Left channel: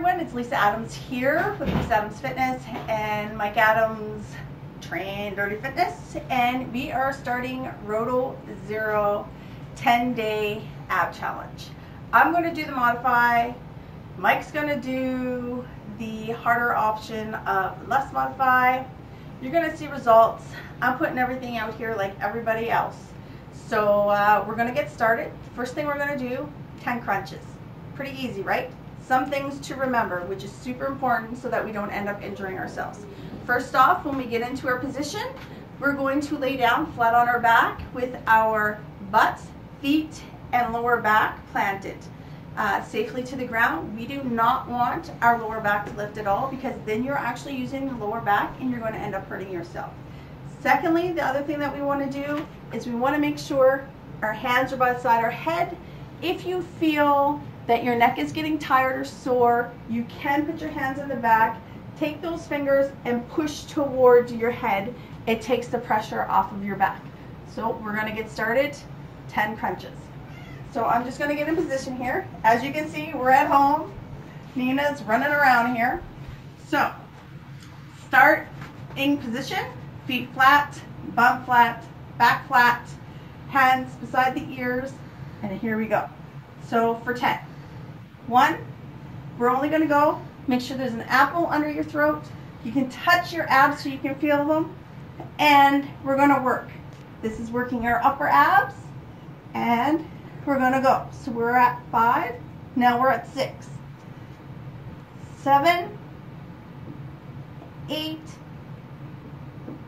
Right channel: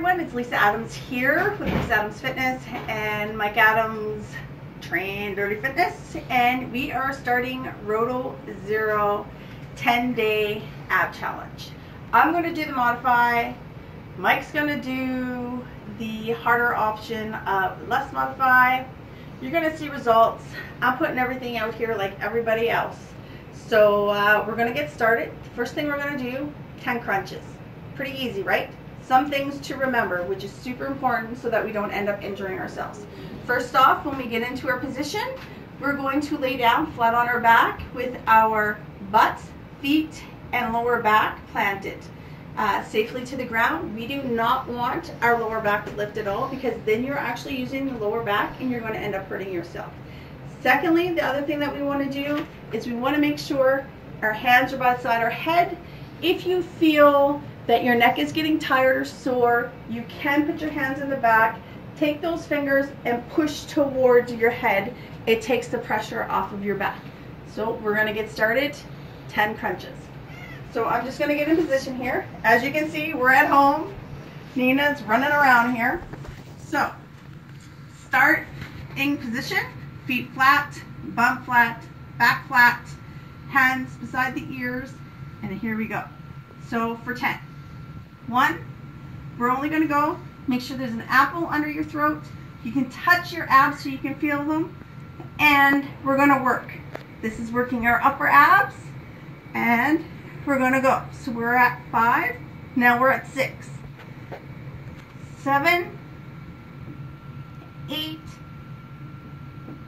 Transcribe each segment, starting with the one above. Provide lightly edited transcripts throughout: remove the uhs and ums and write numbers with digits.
everyone, it's Lisa Adams here with Lisa Adams Fitness and Mike Adams Train Dirty Fitness, and we are starting ROTO Zero 10-day ab challenge. I'm going to do the modify, Mike's going to do the harder option of less modify. You're going to see results. I'm putting everything out here like everybody else. So we're going to get started. The first thing we're going to do, 10 crunches. Pretty easy, right? Some things to remember, which is super important so that we don't end up injuring ourselves. First off, when we get into our position, we're going to lay down flat on our back with our butt, feet, and lower back planted safely to the ground. We do not want our lower back to lift at all, because then you're actually using the lower back and you're going to end up hurting yourself. Secondly, the other thing that we want to do is we want to make sure our hands are by the side of our head. If you feel that your neck is getting tired or sore, you can put your hands in the back, take those fingers and push towards your head. It takes the pressure off of your back. So we're going to get started. 10 crunches. So I'm just going to get in position here. As you can see, we're at home. Nina's running around here. So start in position, feet flat, bum flat, back flat, hands beside the ears, and here we go. So for 10. 1, we're only going to go, make sure there's an apple under your throat. You can touch your abs so you can feel them, and we're going to work. This is working our upper abs, and we're going to go. So we're at 5, now we're at 6, 7, 8,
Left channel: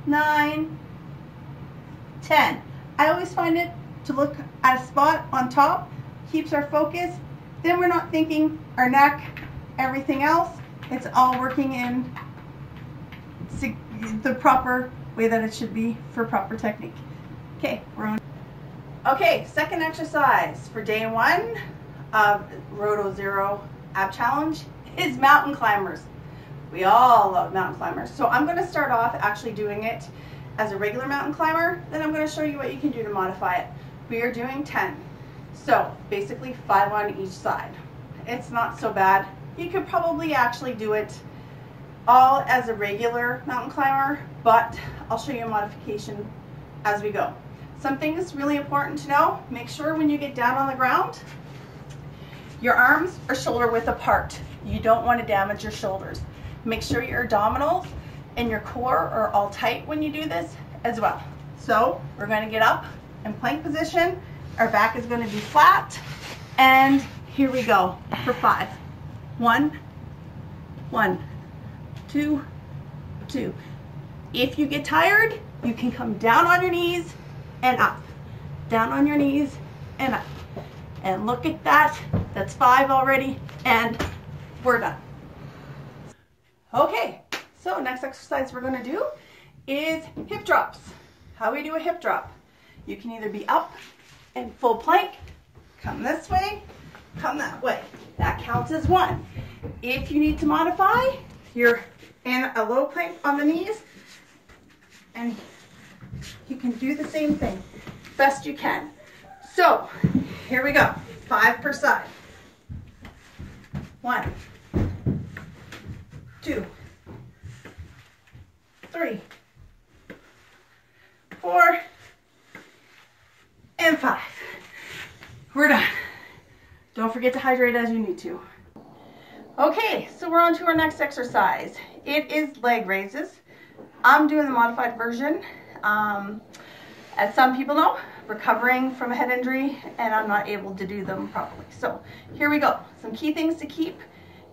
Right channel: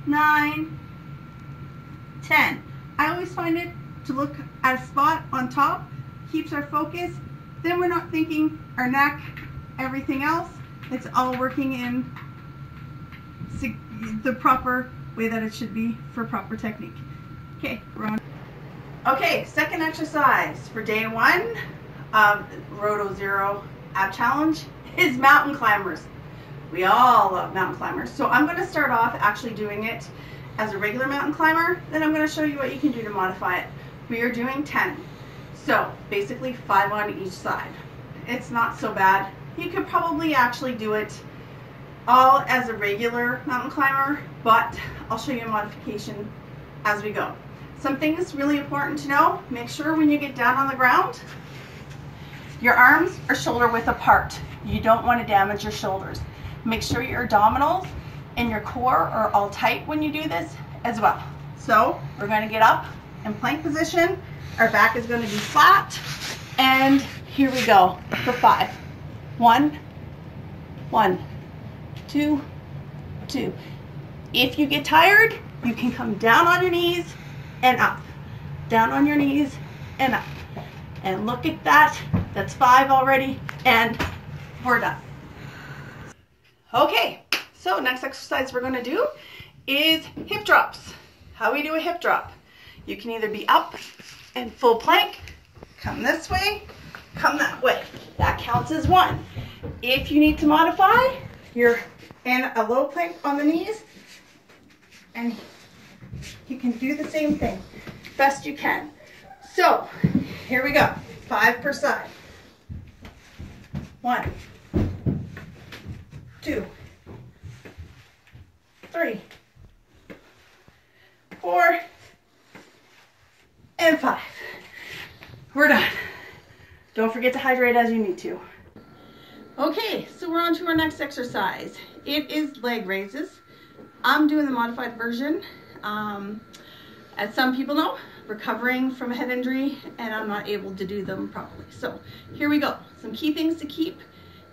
9, 10. I always find it to look at a spot on top, keeps our focus. Then we're not thinking our neck, everything else. It's all working in the proper way that it should be for proper technique. Okay, we're on. Okay, second exercise for day 1 of ROTO Zero ab challenge is mountain climbers. We all love mountain climbers. So I'm going to start off actually doing it as a regular mountain climber. Then I'm going to show you what you can do to modify it. We are doing 10. So basically 5 on each side. It's not so bad. You could probably actually do it all as a regular mountain climber, but I'll show you a modification as we go. Some things really important to know. Make sure when you get down on the ground, your arms are shoulder width apart. You don't want to damage your shoulders. Make sure your abdominals and your core are all tight when you do this as well. So we're going to get up in plank position. Our back is going to be flat, and here we go for 5. 1, 1, 2, 2. If you get tired, you can come down on your knees and up. Down on your knees and up. And look at that. That's 5 already, and we're done. Okay, so next exercise we're going to do is hip drops. How we do a hip drop. You can either be up in full plank, come this way, come that way. That counts as 1. If you need to modify, you're in a low plank on the knees, and you can do the same thing best you can. So here we go, 5 per side. 1, 2, 3, 4, and 5. We're done. Don't forget to hydrate as you need to. Okay, so we're on to our next exercise. It is leg raises. I'm doing the modified version. As some people know, recovering from a head injury, and I'm not able to do them properly. So here we go. Some key things to keep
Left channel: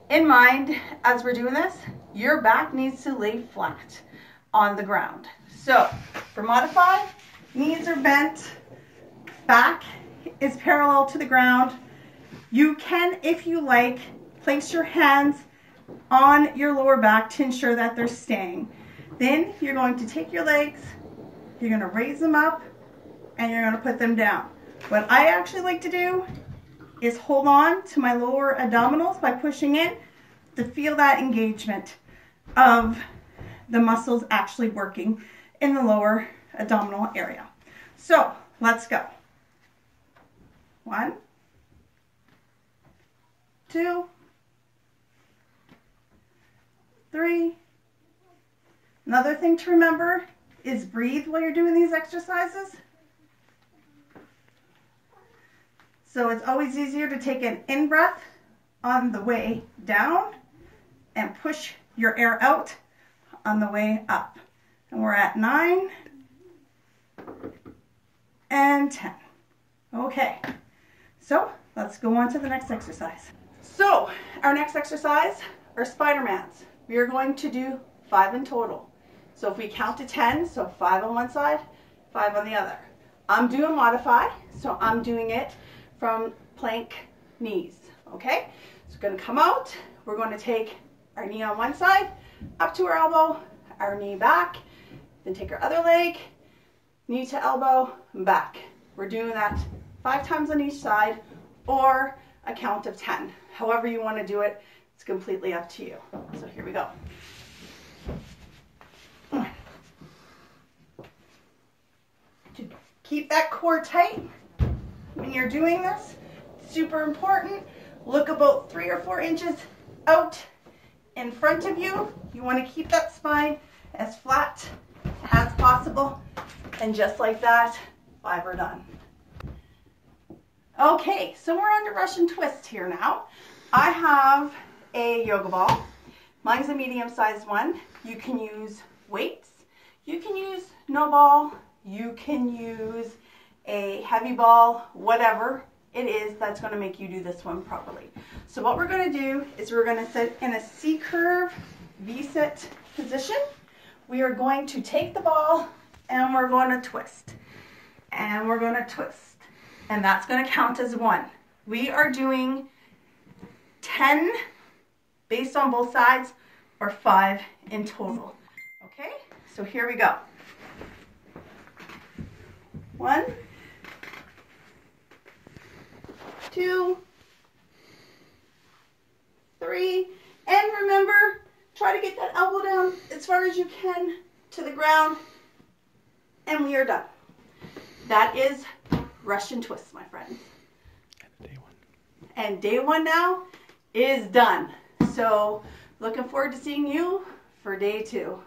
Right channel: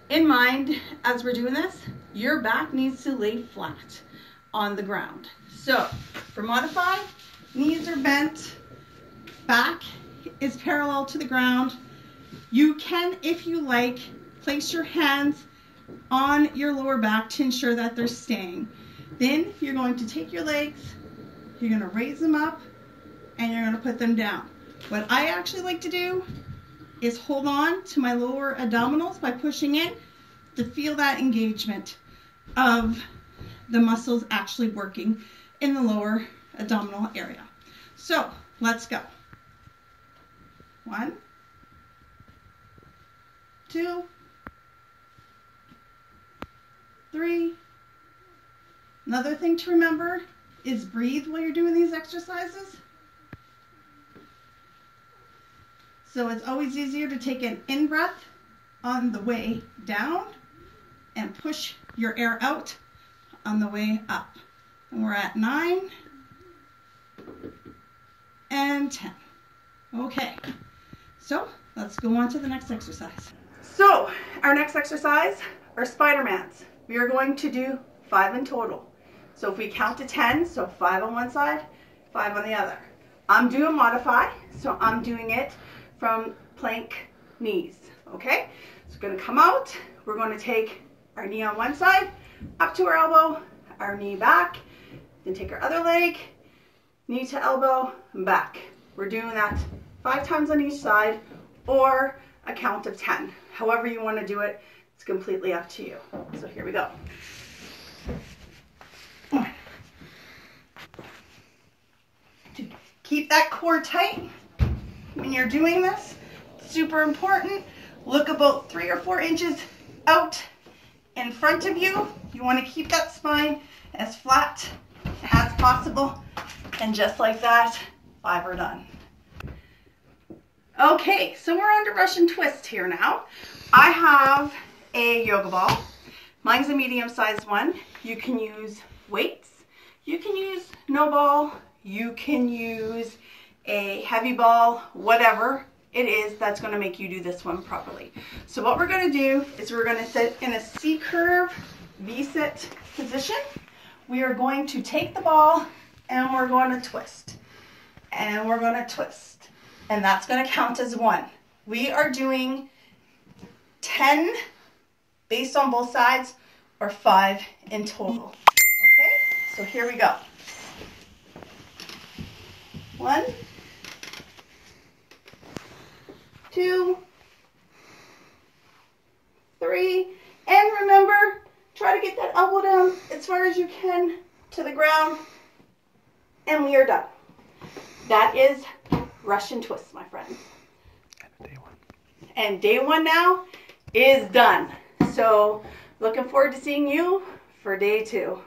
in mind as we're doing this. Your back needs to lay flat on the ground. So for modify, knees are bent, back is parallel to the ground. You can, if you like, place your hands on your lower back to ensure that they're staying. Then you're going to take your legs, you're going to raise them up, and you're going to put them down. What I actually like to do is hold on to my lower abdominals by pushing in to feel that engagement of the muscles actually working in the lower abdominal area. So let's go. 1, 2, 3. Another thing to remember is breathe while you're doing these exercises. So it's always easier to take an in breath on the way down and push your air out on the way up. And we're at 9 and 10. Okay, so let's go on to the next exercise. So our next exercise are Spidermans. We are going to do 5 in total. So if we count to 10, so 5 on one side, 5 on the other. I'm doing modify, so I'm doing it from plank knees, okay? So we're gonna come out, we're gonna take our knee on one side, up to our elbow, our knee back, then take our other leg, knee to elbow, and back. We're doing that 5 times on each side, or a count of 10. However you wanna do it, it's completely up to you. So here we go. To keep that core tight when you're doing this, super important. Look about 3 or 4 inches out in front of you. You want to keep that spine as flat as possible. And just like that, 5 are done. Okay, so we're on to Russian twist here now. I have a yoga ball. Mine's a medium-sized one. You can use weights. You can use no ball. You can use a heavy ball, whatever it is that's going to make you do this one properly. So what we're going to do is we're going to sit in a C-curve V-sit position. We are going to take the ball and we're going to twist. And we're going to twist. And that's going to count as 1. We are doing 10 based on both sides, or 5 in total. Okay, so here we go. 1, 2, 3, and remember, try to get that elbow down as far as you can to the ground, and we are done. That is Russian twist, my friend. And day 1 now is done. So looking forward to seeing you for day 2.